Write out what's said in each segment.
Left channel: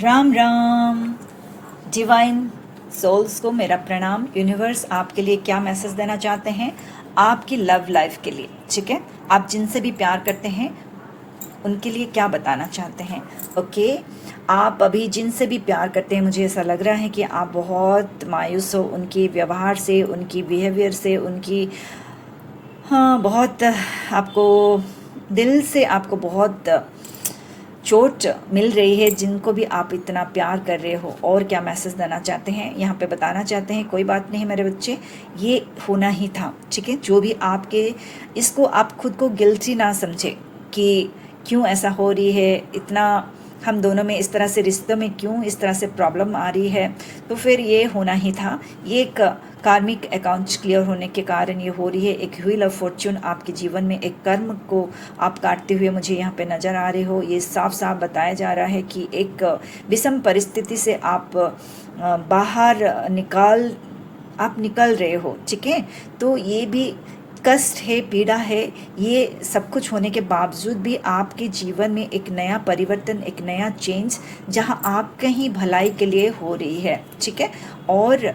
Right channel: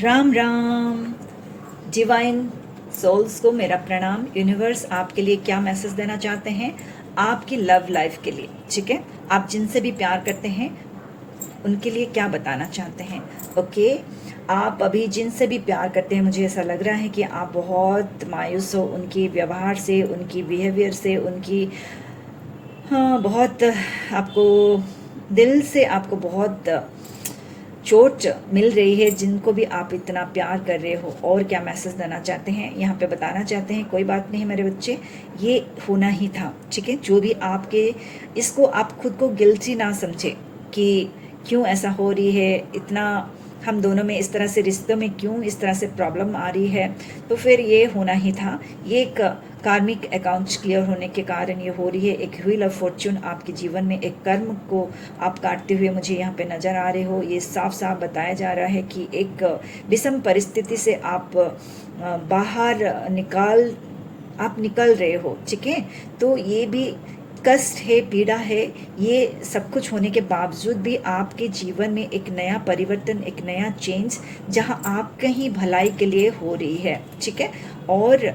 Ram Ram divine souls को मेरा प्रणाम। यूनिवर्स आपके लिए क्या मैसेज देना चाहते हैं आपकी लव लाइफ के लिए, ठीक है। आप जिनसे भी प्यार करते हैं उनके लिए क्या बताना चाहते हैं। ओके, आप अभी जिनसे भी प्यार करते हैं, मुझे ऐसा लग रहा है कि आप बहुत मायूस हो उनके व्यवहार से, उनकी बिहेवियर से, उनकी बहुत आपको दिल से आपको बहुत चोट मिल रही है। जिनको भी आप इतना प्यार कर रहे हो और क्या मैसेज देना चाहते हैं यहाँ पे बताना चाहते हैं। कोई बात नहीं मेरे बच्चे, ये होना ही था, ठीक है। जो भी आपके, इसको आप खुद को गिल्टी ना समझे कि क्यों ऐसा हो रही है, इतना हम दोनों में इस तरह से, रिश्तों में क्यों इस तरह से प्रॉब्लम आ रही है। तो फिर ये होना ही था। ये एक कार्मिक अकाउंट्स क्लियर होने के कारण ये हो रही है। एक व्हील ऑफ फॉर्च्यून आपके जीवन में, एक कर्म को आप काटते हुए मुझे यहाँ पे नजर आ रहे हो। ये साफ साफ बताया जा रहा है कि एक विषम परिस्थिति से आप बाहर निकल रहे हो, ठीक है। तो ये भी कष्ट है, पीड़ा है, ये सब कुछ होने के बावजूद भी आपके जीवन में एक नया परिवर्तन, एक नया चेंज, जहां आप कहीं भलाई के लिए हो रही है, ठीक है। और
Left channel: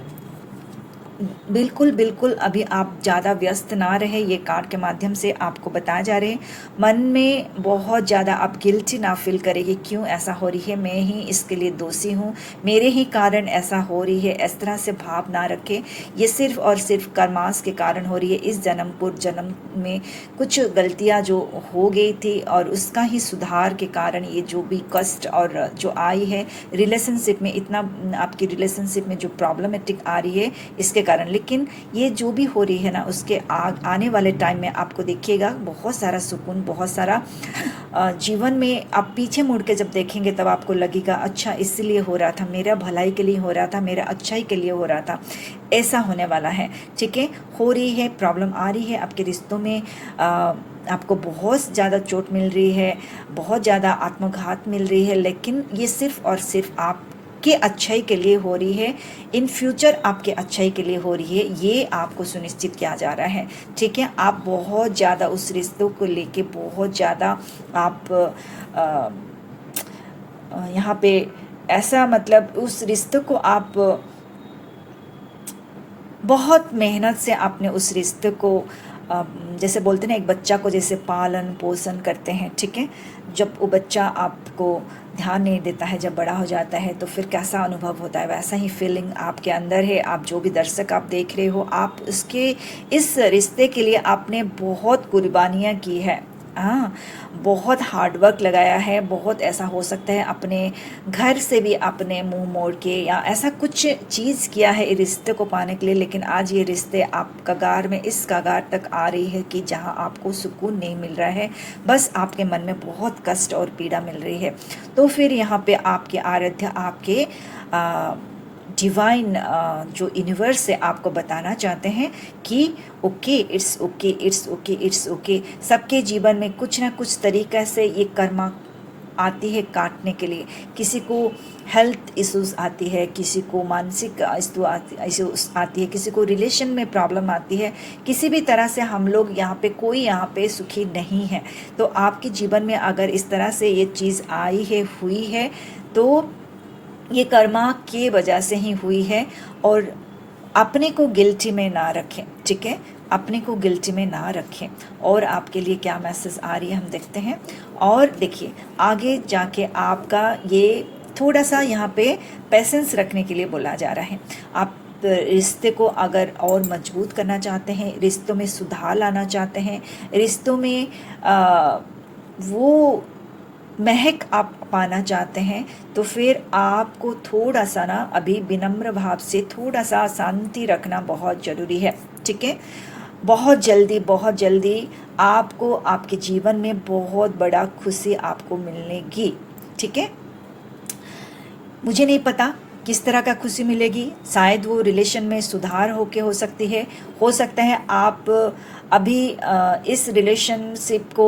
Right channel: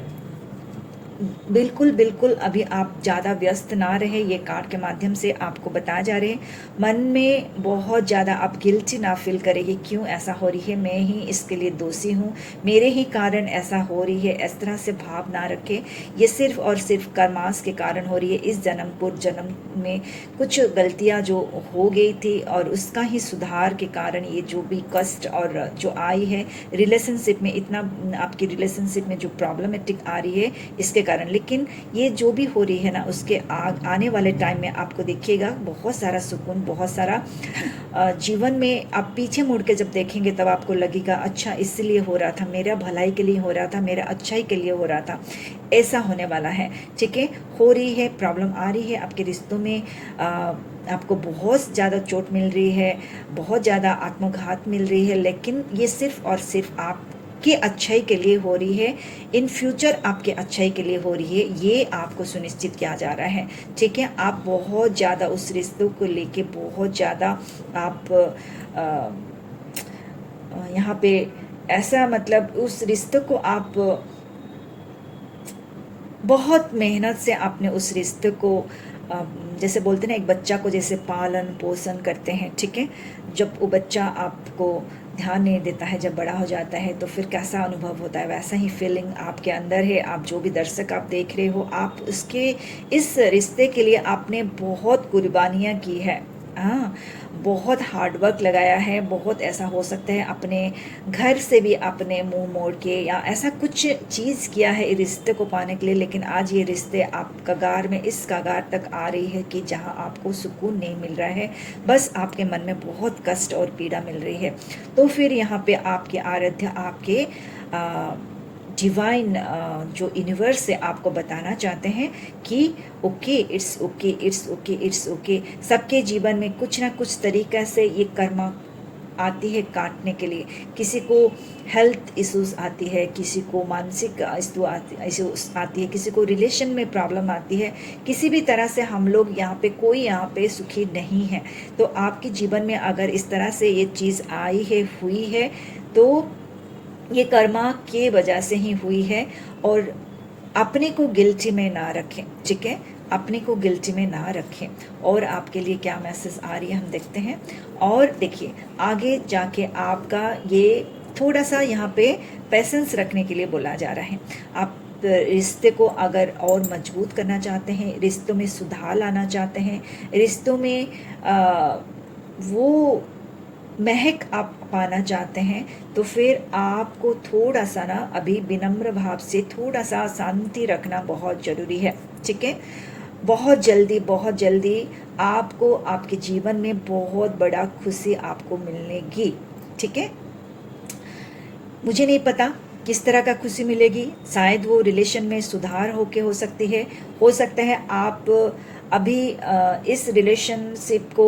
बिल्कुल बिल्कुल अभी आप ज़्यादा व्यस्त ना रहे, ये कार्ड के माध्यम से आपको बताया जा रहे हैं। मन में बहुत ज़्यादा आप गिल्टी ना फील करेंगे, क्यों ऐसा हो रही है, मैं ही इसके लिए दोषी हूँ, मेरे ही कारण ऐसा हो रही है, इस तरह से भाव ना रखें। ये सिर्फ और सिर्फ कर्मास के कारण हो रही है। इस जन्म पूर्व जन्म में कुछ गलतियाँ जो हो गई थी और उसका ही सुधार के कारण ये जो भी कष्ट और जो आई है रिलेशनशिप में, इतना आपकी रिलेशनशिप में जो प्रॉब्लमेटिक आ रही है इसके कारण। लेकिन ये जो भी हो रही है ना, उसके आने वाले टाइम में आपको देखिएगा बहुत सारा सुकून, बहुत सारा जीवन में आप पीछे मुड़ के जब देखेंगे तब आपको लगेगा अच्छा इसलिए हो रहा था, मेरा भलाई के लिए हो रहा था, मेरा अच्छाई के लिए हो रहा था। ऐसा होने वाला है, ठीक है। हो रही है, प्रॉब्लम आ रही है आपके रिश्तों में, आपको बहुत ज़्यादा चोट मिल रही है, बहुत ज़्यादा आत्मघात मिल रही है, लेकिन ये सिर्फ और सिर्फ आप के अच्छाई के लिए हो रही है। इन फ्यूचर आपके अच्छाई के लिए हो रही है, ये आपको सुनिश्चित किया जा रहा है, ठीक है। आप बहुत ज़्यादा उस रिश्तों को लेके बहुत ज़्यादा आप यहाँ पे ऐसा, मतलब उस रिश्तों को आप बहुत मेहनत से आपने उस रिश्ते को, जैसे बोलते हैं ना, एक बच्चा को जैसे पालन पोषण करते हैं, ठीक है। जब वो बच्चा आपको ध्यान नहीं देता है, जब बड़ा हो जाता है तो फिर कैसा अनुभव होता है, वैसा ही फीलिंग आपके अंदर है। आप जो भी दर्शक आप देख रहे हो, आप उसके इस रिश्ते के लिए आपने बहुत कुर्बानियाँ की है, हाँ, बहुत हार्ड वर्क लगाया है। बहुत ऐसा हो सकता है अपने घर से भी आपने मुंह मोड़ के या ऐसा कुछ चीज़ किया है रिश्ते को पाने के लिए, लेकिन आज ये रिश्ते आप कगार में, इस कगार तक आ रही है कि जहां आपको सुकून नहीं मिल रहा है, बस आपके मन में बहुत कष्ट और पीड़ा मिल रही है। तो फिर यहाँ पे आपके आराध्य, आपके डिवाइन जो यूनिवर्स से आपको बताना चाहते हैं कि okay, it's okay, it's okay, it's okay. सबके जीवन में कुछ ना कुछ तरीक़े से ये कर्मा आती है काटने के लिए। किसी को हेल्थ इश्यूज आती है, किसी को मानसिक इश्यूज आती है, किसी को रिलेशन में प्रॉब्लम आती है। किसी भी तरह से हम लोग यहाँ पे, कोई यहाँ पे सुखी नहीं है। तो आपके जीवन में अगर इस तरह से ये चीज़ आई है, हुई है, तो ये कर्मा के वजह से ही हुई है। और अपने को गिल्टी में ना रखें, ठीक है, अपने को गिल्टी में ना रखें। और आपके लिए क्या मैसेज आ रही है हम देखते हैं। और देखिए आगे जाके आपका ये थोड़ा सा यहाँ पे पेशेंस रखने के लिए बोला जा रहा है। आप रिश्ते को अगर और मजबूत करना चाहते हैं, रिश्तों में सुधार लाना चाहते हैं, रिश्तों में वो महक आप पाना चाहते हैं, तो फिर आपको थोड़ा सा ना अभी विनम्र भाव से थोड़ा सा शांति रखना बहुत ज़रूरी है, ठीक है। बहुत जल्दी आपको आपके जीवन में बहुत बड़ा खुशी आपको मिलेगी, ठीक है। मुझे नहीं पता किस तरह का खुशी मिलेगी, शायद वो रिलेशन में सुधार होके हो सकती है, हो सकता है आप अभी इस रिलेशनशिप को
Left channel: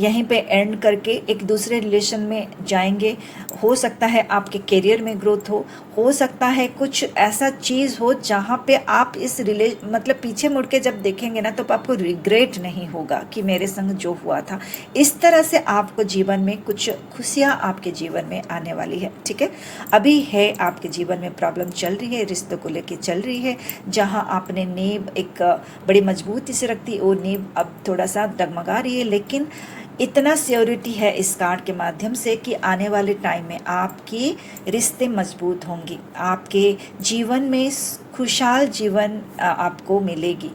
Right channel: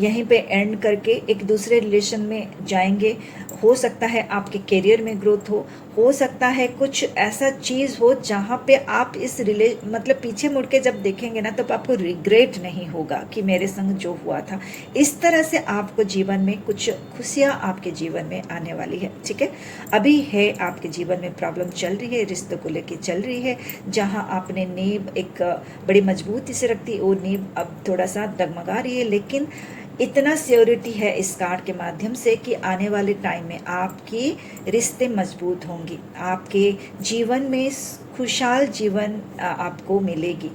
यहीं पे एंड करके एक दूसरे रिलेशन में जाएंगे। हो सकता है आपके करियर में ग्रोथ हो सकता है कुछ ऐसा चीज़ हो जहाँ पे आप इस मतलब पीछे मुड़ के जब देखेंगे ना तो आपको रिग्रेट नहीं होगा कि मेरे संग जो हुआ था। इस तरह से आपको जीवन में कुछ खुशियाँ आपके जीवन में आने वाली है, ठीक है। अभी है आपके जीवन में प्रॉब्लम चल रही है, रिश्तों को लेके चल रही है, जहाँ आपने नींव एक बड़ी मजबूती से रखती, वो नींव अब थोड़ा सा डगमगा रही है, लेकिन इतना श्योरिटी है इस कार्ड के माध्यम से कि आने वाले टाइम में आपकी रिश्ते मजबूत होंगी, आपके जीवन में खुशहाल जीवन आपको मिलेगी,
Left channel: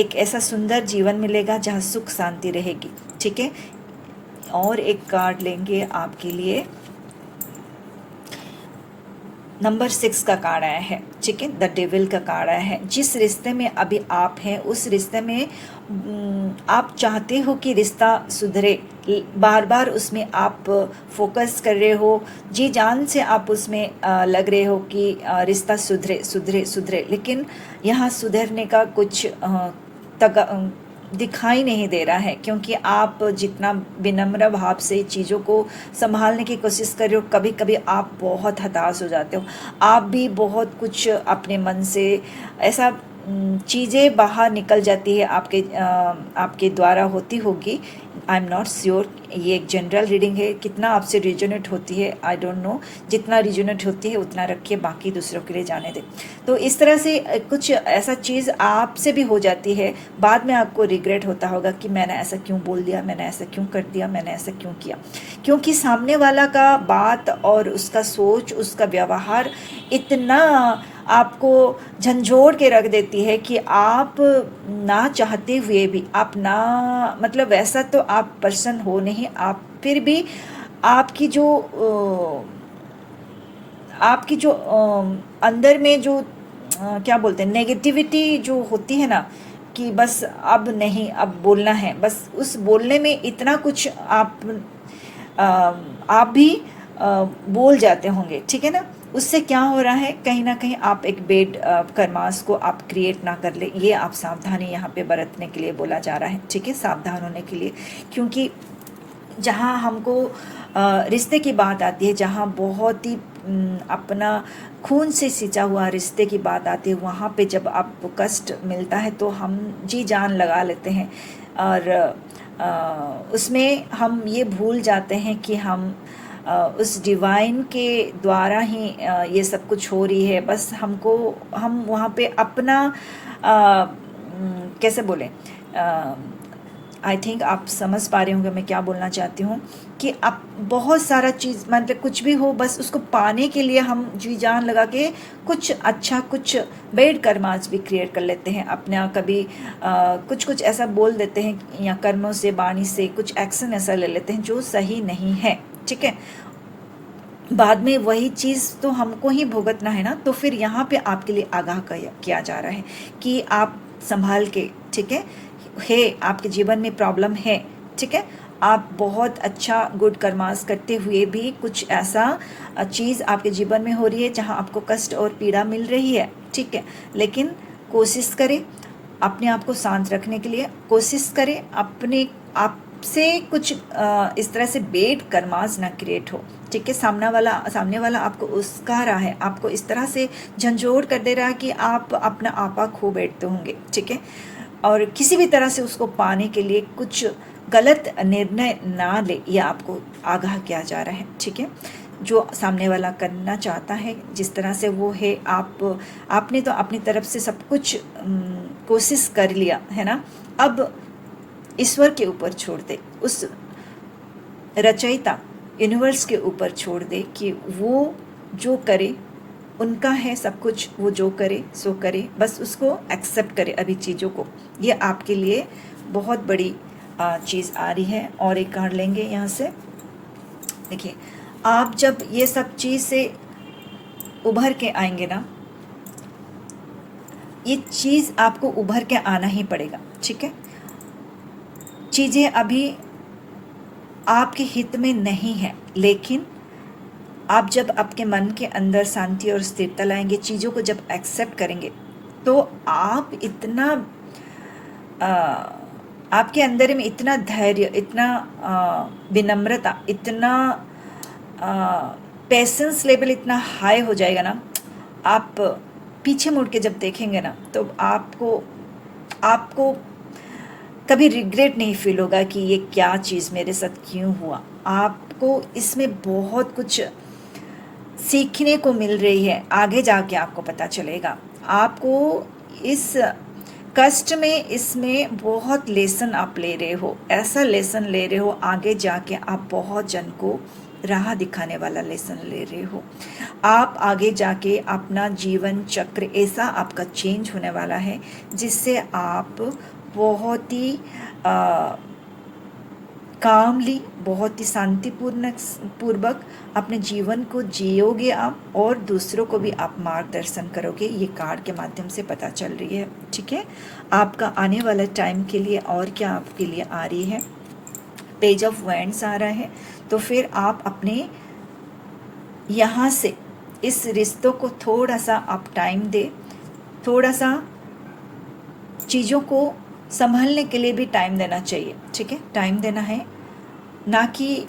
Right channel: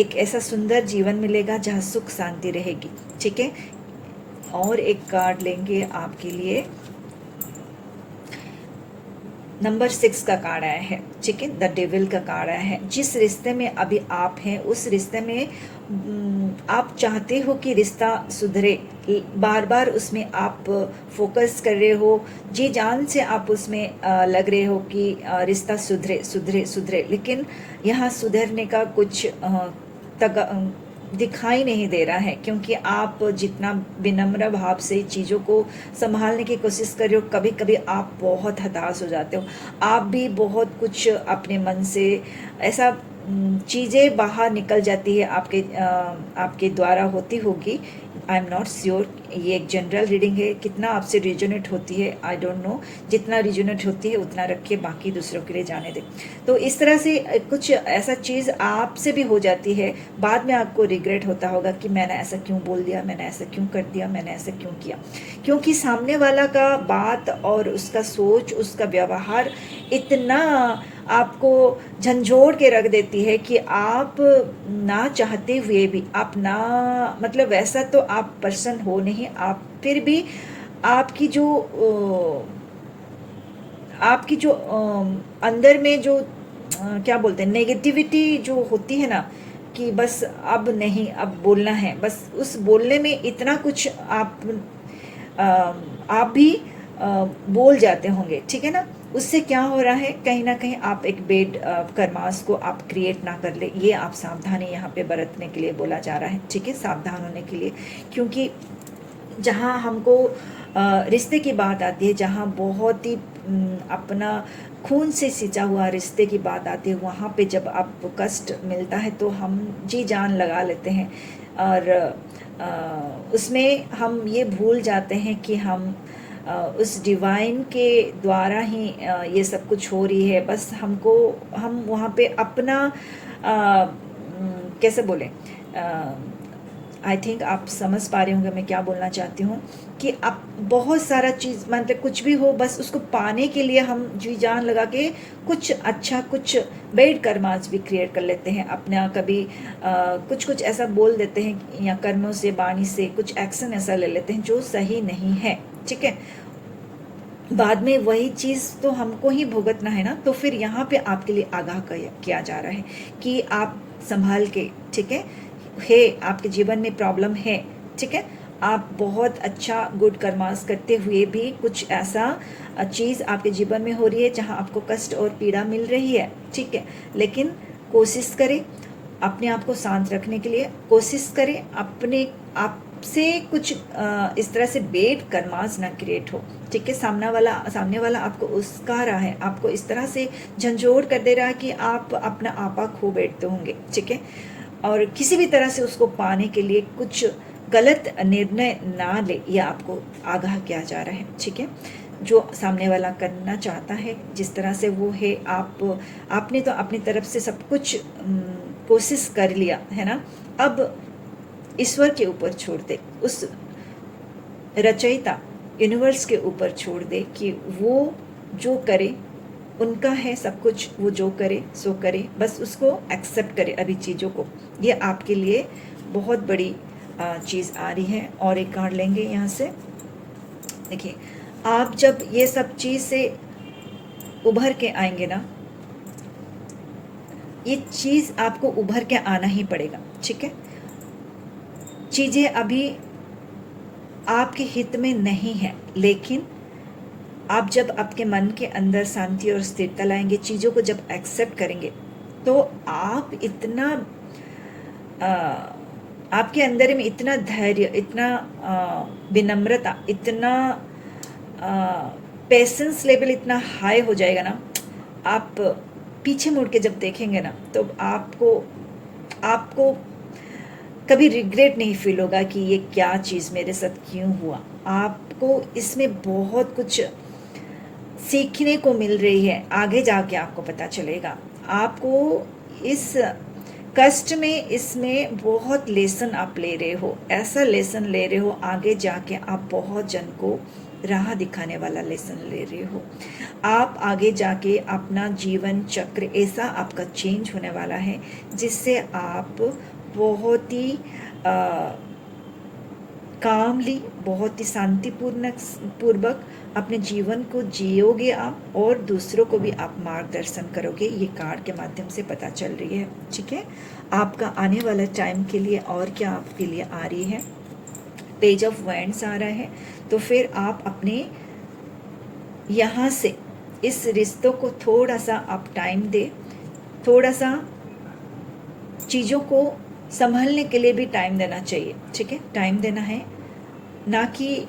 एक ऐसा सुंदर जीवन मिलेगा जहाँ सुख शांति रहेगी, ठीक है। और एक कार्ड लेंगे आपके लिए, नंबर 6 का कार्ड आया है, ठीक है, द डेविल का कार्ड आया है। जिस रिश्ते में अभी आप हैं उस रिश्ते में आप चाहते हो कि रिश्ता सुधरे, बार बार उसमें आप फोकस कर रहे हो, जी जान से आप उसमें लग रहे हो कि रिश्ता सुधरे सुधरे सुधरे, लेकिन यहाँ सुधरने का कुछ दिखाई नहीं दे रहा है, क्योंकि आप जितना विनम्र भाव से चीज़ों को संभालने की कोशिश कर रहे हो, कभी कभी आप बहुत हताश हो जाते हो, आप भी बहुत कुछ अपने मन से ऐसा चीज़ें बाहर निकल जाती है, आपके द्वारा होती होगी, आई एम नॉट श्योर, ये एक जनरल रीडिंग है, कितना आपसे रिजोनेट होती है आई डोंट नो, जितना रिजोनेट होती है उतना रखिए, बाकी दूसरों के लिए जाने दें। तो इस तरह से कुछ ऐसा चीज़ आपसे भी हो जाती है, बाद में आपको रिग्रेट होता होगा कि मैंने ऐसा क्यों बोल दिया, मैंने ऐसा क्यों कर दिया, मैंने ऐसा क्यों किया, क्योंकि सामने वाला का बात और उसका सोच, उसका व्यवहार इतना आपको झंझोड़ के रख देती है कि आप ना चाहते हुए भी, आप ना मतलब वैसा तो आप पर्सन हो नहीं, आप फिर भी आपकी जो अंदर में जो क्या बोलते हैं नेगेटिविटी जो होती है ना, कि बस अब नहीं, अब बोलना है, बस उस बोलने में इतना कुछ आप भी बोल जाते होंगे, ठीक है ना। उससे क्या हो रहा है, कहीं ना कहीं आप एक बेड कर्मास को आप क्रिएट ना कर ले, ये आप सावधानी यहाँ पे बरतने के लिए बोला जा रहा है, ठीक है, सावधान होने के लिए। क्योंकि जहाँ हमको रिश्ते की बात आती है, जहाँ बहुत ही अपना खून से सिंचा हुआ रिश्ते की बात आती है, वहाँ पे जब आपको कष्ट मिलता है तो हम जी जान लगा लेते हैं, और उसमें हम ये भूल जाते हैं कि हम उस डिवाइन के द्वारा ही ये सब कुछ हो रही है, बस हम वहाँ पे अपना कैसे बोले, आई थिंक आप समझ पा रहे होंगे मैं क्या बोलना चाहती हूँ, कि आप बहुत सारा चीज़ मतलब कुछ भी हो, बस उसको पाने के लिए हम जी जान लगा के कुछ अच्छा, कुछ बेड कर्मास भी क्रिएट कर लेते हैं अपना, कभी कुछ ऐसा बोल देते हैं या कर्मों से, वाणी से कुछ एक्शन ऐसा ले लेते हैं जो सही नहीं है, ठीक है। बाद में वही चीज़ तो हमको ही भुगतना है ना, तो फिर यहाँ पे आपके लिए आगाह किया जा रहा है कि आप संभाल के, ठीक है, आपके जीवन में प्रॉब्लम है, ठीक है, आप बहुत अच्छा गुड कर्मास करते हुए भी कुछ ऐसा चीज़ आपके जीवन में हो रही है जहाँ आपको कष्ट और पीड़ा मिल रही है, ठीक है, लेकिन कोशिश करें अपने आप को शांत रखने के लिए, कोशिश करें अपने आप से कुछ इस तरह से बेड कर्मास ना क्रिएट हो, ठीक है। सामने वाला आपको उस्का रहा है, आपको इस तरह से झंझोड़ कर दे रहा है कि आप अपना आपा खो बैठते होंगे, ठीक है, और किसी भी तरह से उसको पाने के लिए कुछ गलत निर्णय ना ले, यह आपको आगाह किया जा रहा है, ठीक है। जो सामने वाला करना चाहता है जिस तरह से वो है, आपने तो अपनी तरफ से सब कुछ कोशिश कर लिया है ना, अब ईश्वर के ऊपर छोड़ दे, उस रचयिता यूनिवर्स के ऊपर छोड़ दे कि वो जो करे, उनका है सब कुछ, वो जो करे सो करे, बस उसको एक्सेप्ट करे अभी चीज़ों को। ये आपके लिए बहुत बड़ी चीज़ आ रही है। और एक कार्ड लेंगे यहाँ से, देखिए आप जब ये सब चीज़ से उभर के आएंगे ना, ये चीज़ आपको उभर के आना ही पड़ेगा, ठीक है। चीज़ें अभी आपके हित में नहीं है, लेकिन आप जब आपके मन के अंदर शांति और स्थिरता लाएंगे, चीज़ों को जब एक्सेप्ट करेंगे, तो आप इतना आपके अंदर में इतना धैर्य, इतना विनम्रता, इतना पेशेंस लेवल इतना हाई हो जाएगा ना, आप पीछे मुड़ के जब देखेंगे ना तो आपको आपको कभी रिग्रेट नहीं फील होगा कि ये क्या चीज़ मेरे साथ क्यों हुआ। आपको इसमें बहुत कुछ सीखने को मिल रही है, आगे जाके आपको पता चलेगा। आपको इस कष्ट में इसमें बहुत लेसन आप ले रहे हो, ऐसा लेसन ले रहे हो आगे जाके आप बहुत जन को राह दिखाने वाला लेसन ले रहे हो। आप आगे जाके अपना जीवन चक्र ऐसा आपका चेंज होने वाला है जिससे आप बहुत ही कामली, बहुत ही पूर्वक अपने जीवन को जियोगे आप, और दूसरों को भी आप मार्गदर्शन करोगे। ये कार्ड के माध्यम से पता चल रही है। ठीक है, आपका आने वाला टाइम के लिए और क्या आपके लिए आ रही है, पेज ऑफ वैंड्स आ रहा है। तो फिर आप अपने यहाँ से इस रिश्तों को थोड़ा सा आप टाइम दे, थोड़ा सा चीज़ों को संभलने के लिए भी टाइम देना चाहिए। ठीक है, टाइम देना है, ना कि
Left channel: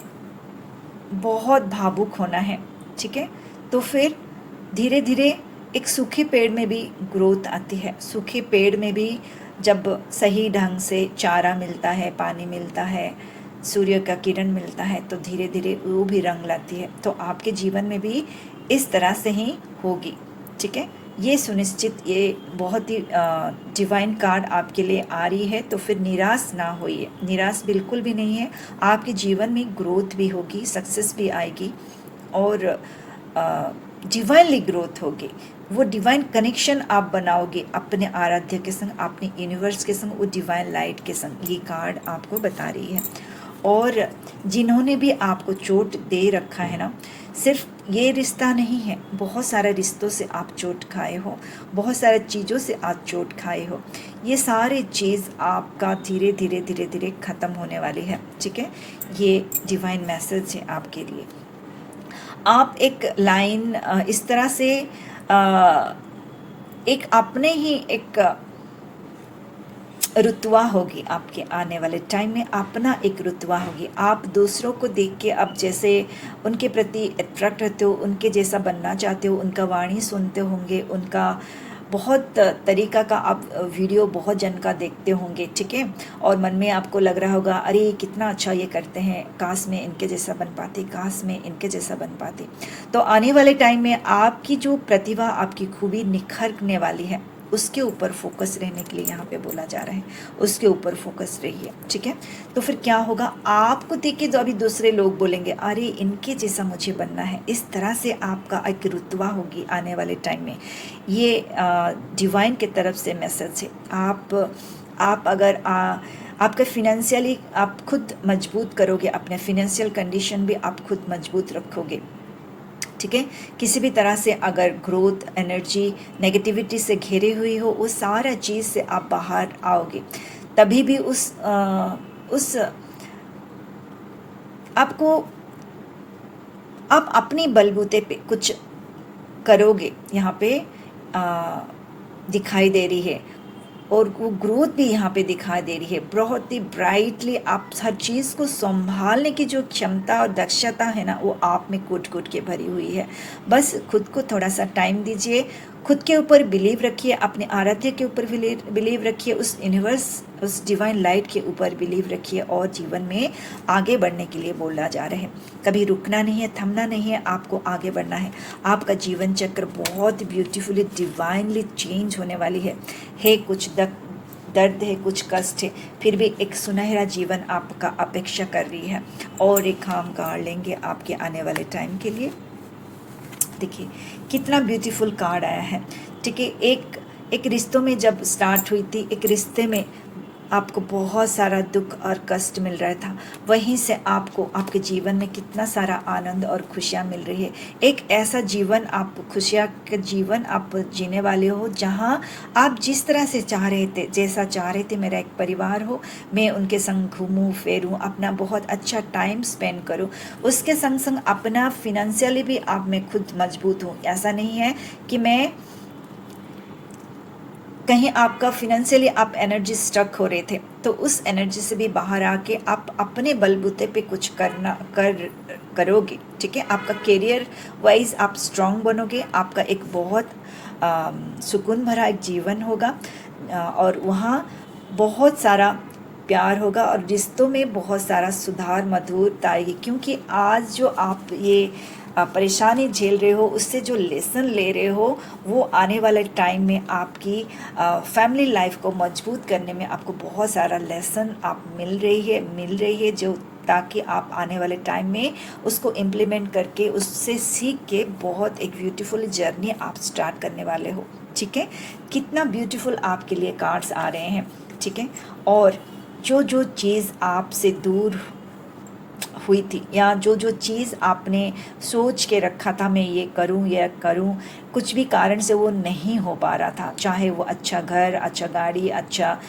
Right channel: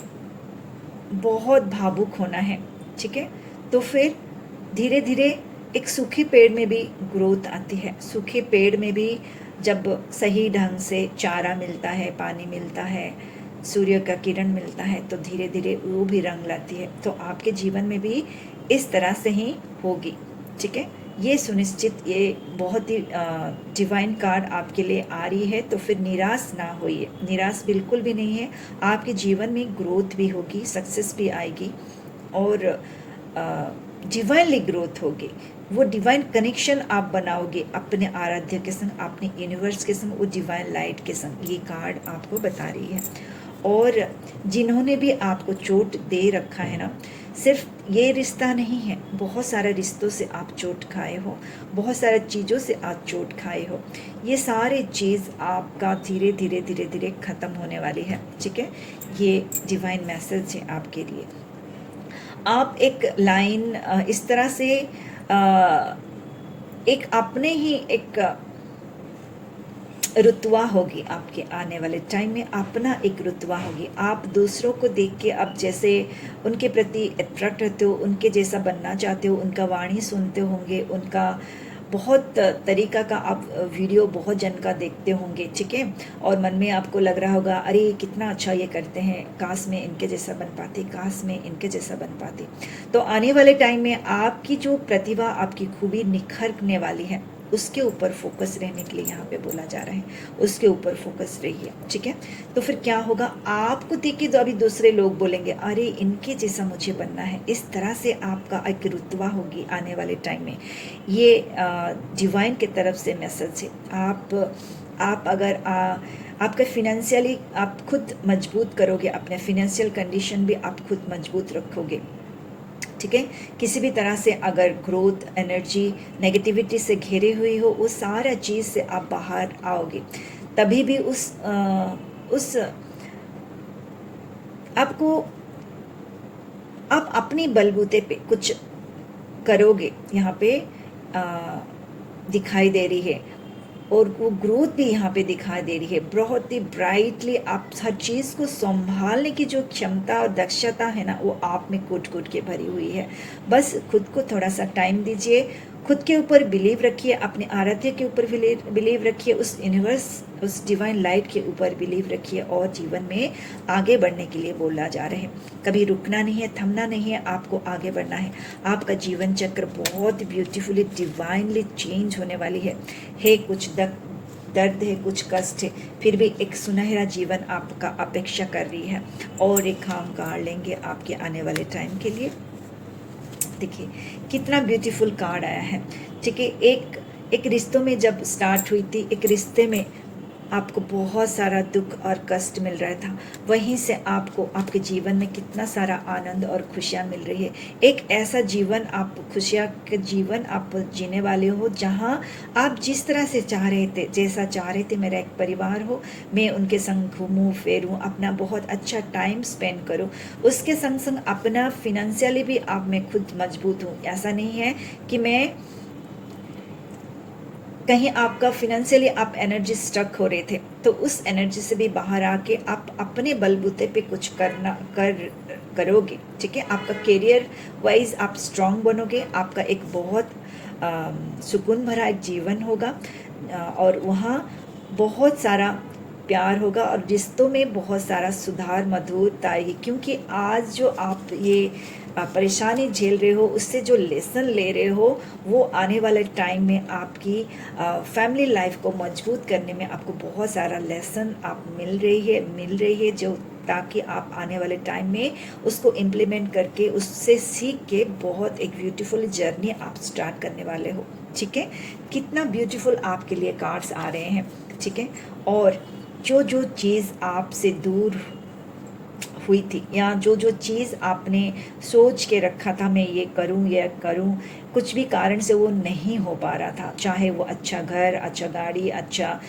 बहुत भावुक होना है। ठीक है, तो फिर धीरे धीरे एक सूखे पेड़ में भी ग्रोथ आती है। सूखे पेड़ में भी जब सही ढंग से चारा मिलता है, पानी मिलता है, सूर्य का किरण मिलता है, तो धीरे धीरे वो भी रंग लाती है। तो आपके जीवन में भी इस तरह से ही होगी। ठीक है, ये सुनिश्चित, ये बहुत ही डिवाइन कार्ड आपके लिए आ रही है। तो फिर निराश ना होइए, निराश बिल्कुल भी नहीं है। आपके जीवन में ग्रोथ भी होगी, सक्सेस भी आएगी, और डिवाइनली ग्रोथ होगी। वो डिवाइन कनेक्शन आप बनाओगे अपने आराध्य के संग, अपने यूनिवर्स के संग, वो डिवाइन लाइट के संग। ये कार्ड आपको बता रही है। और जिन्होंने भी आपको चोट दे रखा है ना, सिर्फ ये रिश्ता नहीं है, बहुत सारे रिश्तों से आप चोट खाए हो, बहुत सारे चीज़ों से आप चोट खाए हो। ये सारी चीज़ आपका धीरे धीरे धीरे धीरे ख़त्म होने वाली है। ठीक है, ये डिवाइन मैसेज है आपके लिए। आप एक लाइन इस तरह से एक अपने ही एक रुतवा होगी आपके आने वाले टाइम में, अपना एक रुतवा होगी। आप दूसरों को देख के अब जैसे उनके प्रति अट्रैक्ट होते हो, उनके जैसा बनना चाहते हो, उनका वाणी सुनते होंगे, उनका बहुत तरीका का आप वीडियो बहुत जन का देखते होंगे। ठीक है, और मन में आपको लग रहा होगा, अरे कितना अच्छा ये करते हैं, काश में इनके जैसा बन पाते, काश में इनके जैसा बन पाते। तो आने वाले टाइम में आपकी जो प्रतिभा, आपकी खूबी निखरने वाली है, उसके ऊपर फोकस रहने के लिए यहाँ पे बोला जा रहा है, उसके ऊपर फोकस रहिए। ठीक है, तो फिर क्या होगा, आपको देख के जो अभी दूसरे लोग बोलेंगे, अरे इनके जैसा मुझे बनना है, इस तरह से आपका एक रुतबा होगी आने वाले टाइम में। ये डिवाइन की तरफ से मैसेज है। आप अगर आपका फिनेंशियली आप खुद मजबूत करोगे, अपने फिनेंशियल कंडीशन भी आप खुद मजबूत रखोगे। ठीक है, किसी भी तरह से अगर ग्रोथ एनर्जी नेगेटिविटी से घिरी हुई हो, वो सारा चीज़ से आप बाहर आओगे, तभी भी उस आपको आप अपनी बलबूते पे कुछ करोगे, यहाँ पे दिखाई दे रही है, और वो ग्रोथ भी यहाँ पे दिखाई दे रही है। बहुत ही ब्राइटली आप हर चीज़ को संभालने की जो क्षमता और दक्षता है ना, वो आप में कूट कूट के भरी हुई है। बस खुद को थोड़ा सा टाइम दीजिए, खुद के ऊपर बिलीव रखिए, अपने आराध्य के ऊपर बिलीव रखिए, उस यूनिवर्स, उस डिवाइन लाइट के ऊपर बिलीव रखिए, और जीवन में आगे बढ़ने के लिए बोला जा रहे हैं। कभी रुकना नहीं है, थमना नहीं है, आपको आगे बढ़ना है। आपका जीवन चक्र बहुत ब्यूटीफुली डिवाइनली चेंज होने वाली है। कुछ दर्द है, कुछ कष्ट है, फिर भी एक सुनहरा जीवन आपका अपेक्षा कर रही है, और एक हम कार्ड लेंगे आपके आने वाले टाइम के लिए। देखिए कितना ब्यूटीफुल कार्ड आया है। ठीक है, एक रिश्तों में जब स्टार्ट हुई थी, एक रिश्ते में आपको बहुत सारा दुख और कष्ट मिल रहा था, वहीं से आपको आपके जीवन में कितना सारा आनंद और खुशियाँ मिल रही है। एक ऐसा जीवन, आप खुशियाँ का जीवन आप जीने वाले हो, जहाँ आप जिस तरह से चाह रहे थे, जैसा चाह रहे थे मेरा एक परिवार हो, मैं उनके संग घूमूँ फिरूँ, अपना बहुत अच्छा टाइम स्पेंड करूँ, उसके संग संग अपना फिनेंशियली भी आप मैं खुद मजबूत हूँ। ऐसा नहीं है कि मैं कहीं आपका फिनेंशियली आप एनर्जी स्टक हो रहे थे, तो उस एनर्जी से भी बाहर आके आप अपने बलबूते पे कुछ कर करोगे, ठीक है। आपका करियर वाइज आप स्ट्रांग बनोगे, आपका एक बहुत सुकून भरा एक जीवन होगा, और वहाँ बहुत सारा प्यार होगा और रिश्तों में बहुत सारा सुधार, मधुरता आएगी। क्योंकि आज जो आप ये परेशानी झेल रहे हो, उससे जो लेसन ले रहे हो, वो आने वाले टाइम में आपकी फैमिली लाइफ को मजबूत करने में आपको बहुत सारा लेसन आप मिल रही है, जो ताकि आप आने वाले टाइम में उसको इम्प्लीमेंट करके, उससे सीख के बहुत एक ब्यूटीफुल जर्नी आप स्टार्ट करने वाले हो, ठीक है। कितना ब्यूटीफुल आपके लिए कार्ड्स आ रहे हैं, ठीक है। और जो जो चीज़ आपसे दूर हुई थी, या जो जो चीज़ आपने सोच के रखा था मैं ये करूं या करूं, कुछ भी कारण से वो नहीं हो पा रहा था, चाहे वो अच्छा घर, अच्छा गाड़ी, अच्छा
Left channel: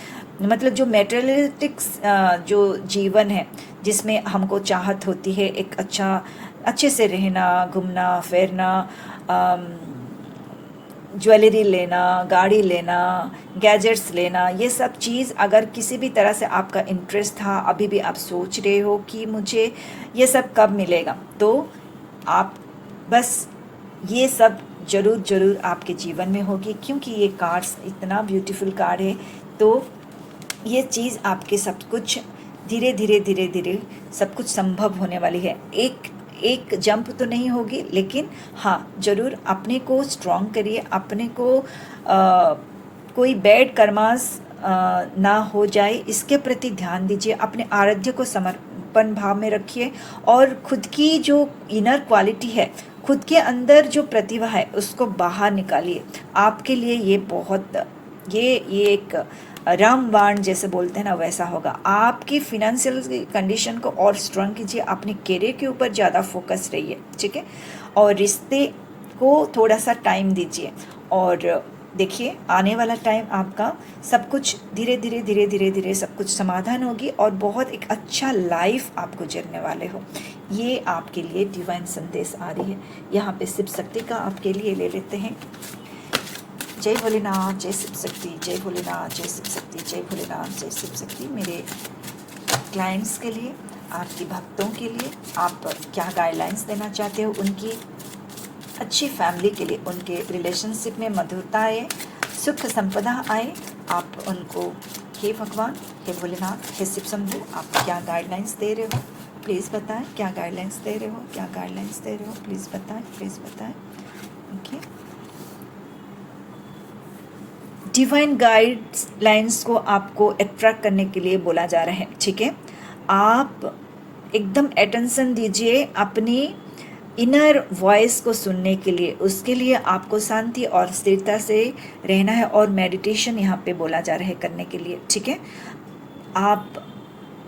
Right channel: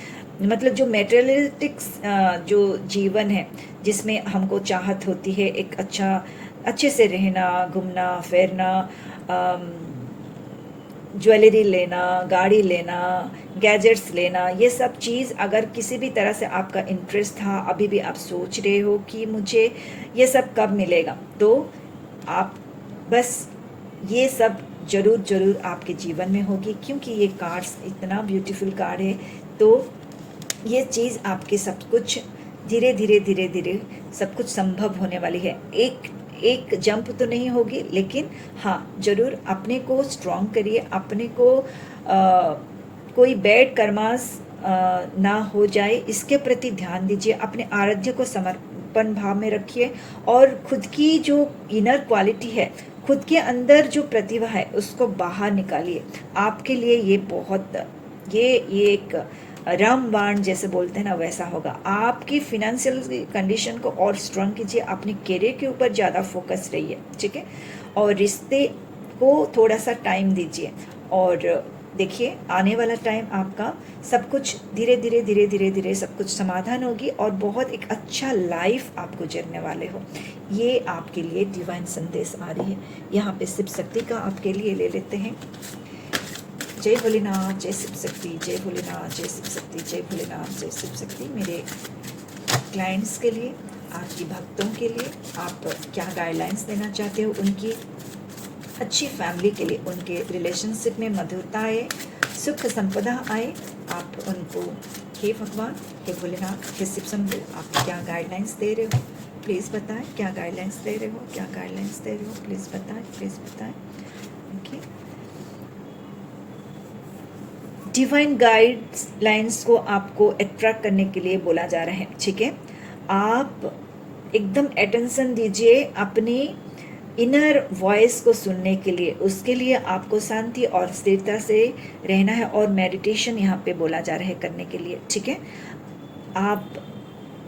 मतलब जो मेटेरियलिस्टिक्स जो जीवन है, जिसमें हमको चाहत होती है एक अच्छे से रहना, घूमना फिरना, ज्वेलरी लेना, गाड़ी लेना, गैजेट्स लेना, ये सब चीज़ अगर किसी भी तरह से आपका इंटरेस्ट था, अभी भी आप सोच रहे हो कि मुझे ये सब कब मिलेगा, तो आप बस ये सब ज़रूर आपके जीवन में होगी। क्योंकि ये कार्ड्स इतना ब्यूटीफुल कार्ड है, तो ये चीज़ आपके सब कुछ धीरे धीरे सब कुछ संभव होने वाली है। एक जंप तो नहीं होगी, लेकिन हाँ ज़रूर अपने को स्ट्रॉन्ग करिए, अपने को कोई बैड कर्मास ना हो जाए, इसके प्रति ध्यान दीजिए, अपने आराध्य को समर्पण भाव में रखिए, और खुद की जो इनर क्वालिटी है, खुद के अंदर जो प्रतिभा है, उसको बाहर निकालिए। आपके लिए ये बहुत ये एक रामबाण जैसे बोलते हैं ना, वैसा होगा। आपकी फिनेंशियल कंडीशन को और स्ट्रांग कीजिए, अपने करियर के ऊपर ज़्यादा फोकस रहिए, ठीक है। और रिश्ते को थोड़ा सा टाइम दीजिए, और देखिए आने वाला टाइम आपका सब कुछ धीरे धीरे सब कुछ समाधान होगी, और बहुत एक अच्छा लाइफ आप गुजरने वाले हो। ये आपके लिए डिवाइन संदेश आ रही है। यहाँ पे शिव शक्ति का आपके लिए ले लेते हैं। जय भोलेनाथ, जय शिव शक्ति, जय भोलेनाथ, जय शिव शक्ति, जय भोलेनाथ, जय शिव शक्ति। मेरे क्लाइंट्स के लिए, आपकी भक्तों के लिए, आप क्या गाइडलाइंस देना चाहते हो, उनकी अच्छी फैमिली के लिए, उनके रिलेशनशिप में मधुरता आए, सुख संपदा आए, आप उनको हे भगवान, हे भोलेनाथ, हे शिव शंभू, आप क्या गाइडलाइंस दे रहे हो, प्लीज़ बताएं। क्या गाइडलाइंस दे रहे हो, क्या गाइडलाइंस दे रहे हो, प्लीज़ बताएं, प्लीज़ बताएं। ओके, डिवाइन गाइडलाइंस को आपको अट्रैक्ट करने के लिए बोला जा रहा है, ठीक है। आप एकदम अटेंशन दीजिए अपनी इनर वॉइस को सुनने के लिए। उसके लिए आपको शांति और स्थिरता से रहना है, और मेडिटेशन यहाँ पे बोला जा रहा है करने के लिए, ठीक है। आप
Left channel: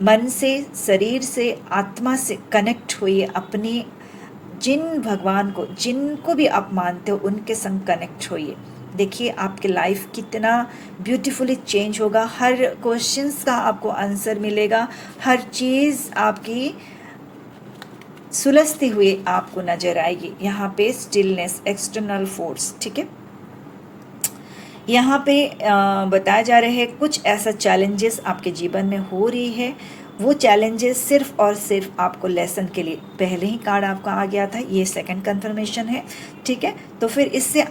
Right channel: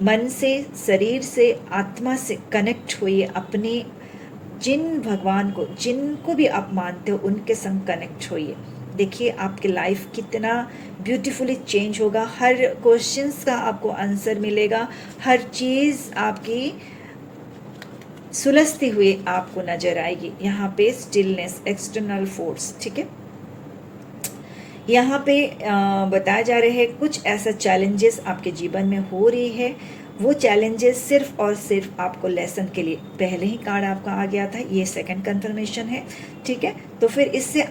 मन से, शरीर से, आत्मा से कनेक्ट होइए, अपने जिन भगवान को, जिनको भी आप मानते हो, उनके संग कनेक्ट होइए। देखिए आपके लाइफ कितना ब्यूटीफुली चेंज होगा, हर क्वेश्चंस का आपको आंसर मिलेगा, हर चीज़ आपकी सुलझती हुई आपको नजर आएगी। यहाँ पे स्टिलनेस, एक्सटर्नल फोर्स, ठीक है। यहाँ पे बताया जा रहा है कुछ ऐसा चैलेंजेस आपके जीवन में हो रही है, वो चैलेंजेस सिर्फ और सिर्फ आपको लेसन के लिए, पहले ही कार्ड आपका आ गया था, ये सेकंड कंफर्मेशन है, ठीक है। तो फिर इससे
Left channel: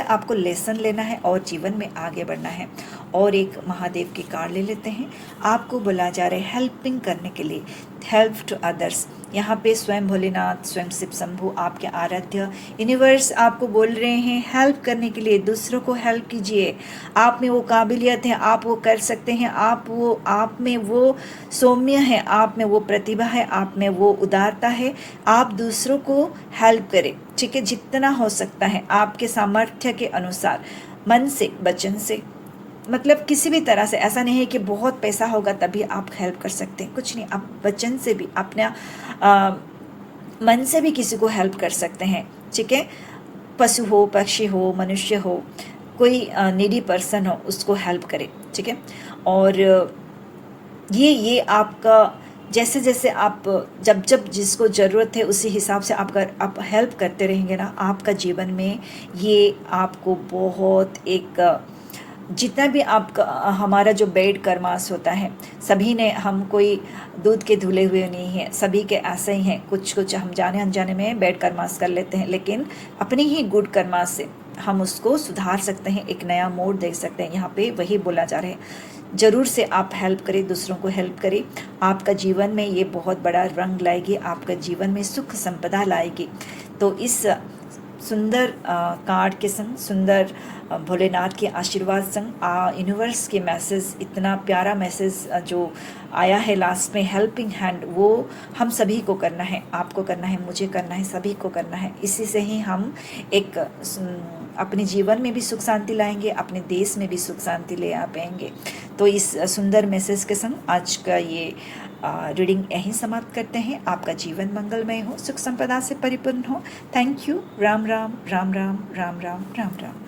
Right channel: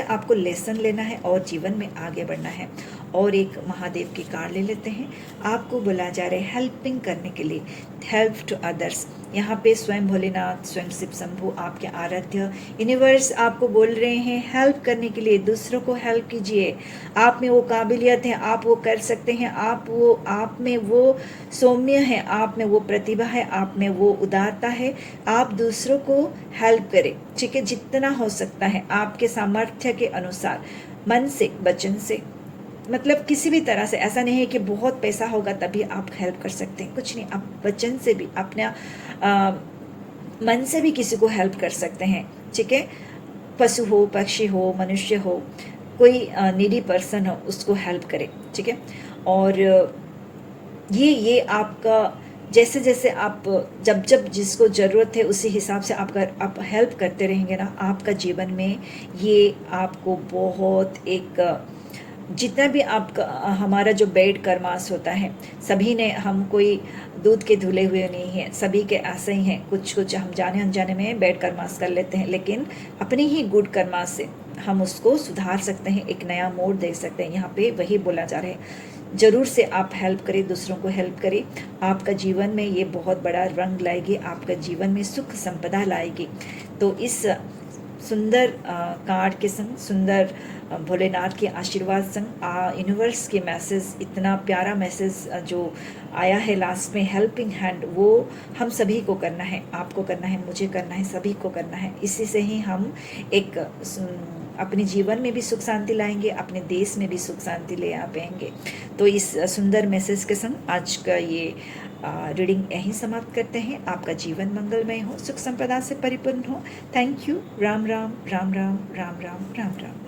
आपको लेसन लेना है और जीवन में आगे बढ़ना है। और एक महादेव के कार्ड ले लेते हैं। आपको बोला जा रहा है हेल्पिंग करने के लिए, हेल्प टू अदर्स। यहाँ पे स्वयं भोलेनाथ, स्वयं शिव शंभू, आपके आराध्य यूनिवर्स आपको बोल रहे हैं हेल्प करने के लिए, दूसरों को हेल्प कीजिए। आप में वो काबिलियत है, आप वो कर सकते हैं, आप में वो सौम्य है, आप में वो प्रतिभा है, आप में वो उदारता है। आप दूसरों को हेल्प करें, ठीक है, जितना हो सकता है आपके सामर्थ्य के अनुसार, मन से, वचन से, मतलब किसी भी तरह से। ऐसा नहीं है कि बहुत पैसा होगा तभी आप हेल्प कर सकते हैं, कुछ नहीं, आप वचन से भी, अपना मन से भी किसी को हेल्प कर सकते हैं, ठीक है। पशु हो, पक्षी हो, मनुष्य हो, कोई नीडी पर्सन हो, उसको हेल्प करें, ठीक है। और ये आपका जैसे जैसे आप जब जिसको ज़रूरत है उसी हिसाब से आप हेल्प करते रहेंगे ना, आपका जीवन में ये आपको बहुत एक जितना भी आपका हमारा जो बेड कर्मास होता है, सभी ने, हम कोई दूध के धुले हुए नहीं हैं, सभी के ऐसे ही हैं। कुछ कुछ हम जाने अनजाने में बेड कर्मास कर लेते हैं, लेकिन अपनी ही गुड कर्मास से हम उसको सुधार सकते हैं, एक नया मोड़ दे सकते हैं। यहाँ पे वही बोला जा रहा है। जरूर से आप हेल्प करें, दूसरों को हेल्प करें। आपका जीवन में ये बहुत बड़ा रंग लाएगी, आपका जीवन में सुख संपदा लाएगी। तो इस सुंदर कार्ड के संग, सुंदर भोलेनाथ के आशीर्वाद संग, यूनिवर्स के मैसेज, इतना प्यारा मैसेज जो आया है लास्ट में, हेल्पिंग हैंड, वो हम सभी को करना है, आपको करना है, मुझे करना है, सभी को करना है। इसी से ही हम एक अपने जीवन में भी सुख शांति लाएंगे, अपने देश में भी सुख शांति ले आ पाएंगे। तो इस सुंदर मैसेज के संग आज का ये रीडिंग यहीं समाप्त करते हैं। आपका जीवन मंगलमय हो, सुख संपदा से परिपूर्ण हो। Thank you. राम राम राम राम राम राम राम राम।